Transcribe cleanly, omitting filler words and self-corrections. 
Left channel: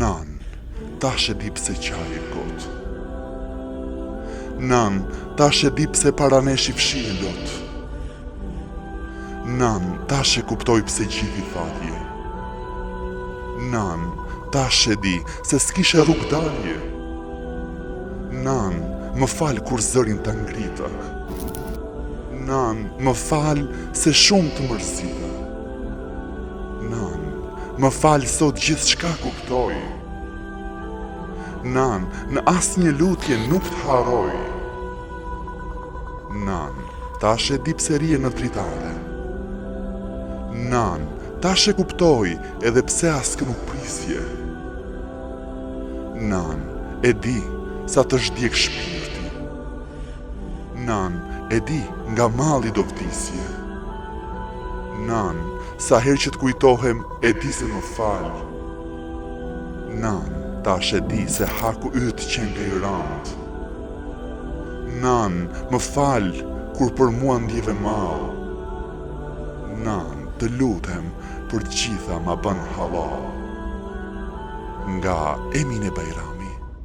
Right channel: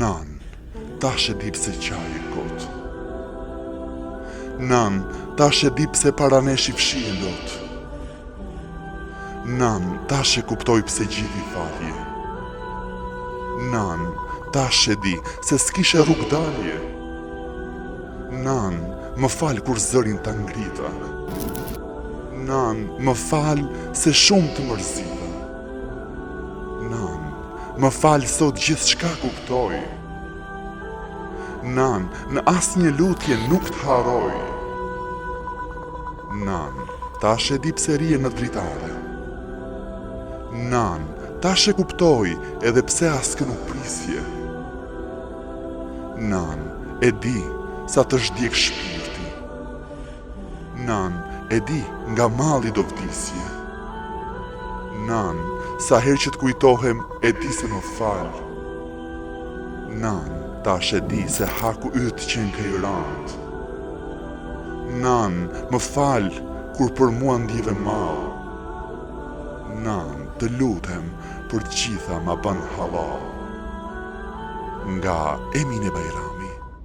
Nan, tash e di pse qaj e kot. Nan, tash e di pse para nesh I fshije lot. Nan, tash e kuptoj pse gjithi falje. Nan, tash e di se s'kishe rrug dalje. Nan, më fal kur zërin të ngrita. Nan, më fal se shumë të mërzita. Nan, më fal sot gjithë shka kuptoj. Nan, në asnjë lutje nuk të haroj. Nan, tash e di pse rije në dritare. Nan, tash e kuptoj edhe pse askë nuk prisje. Nan, e di sa të zhdjek shpirti. Nan, e di nga malli do vdisje. Nan, sa herë që të kujtohem e di se më fal. Nan, tash e di se haku yt qenë krirat. Nan, më fal kur për mua ndjeve mal. Nan, të lutem për gjitha ma bën halal. Nga Emine Bajram.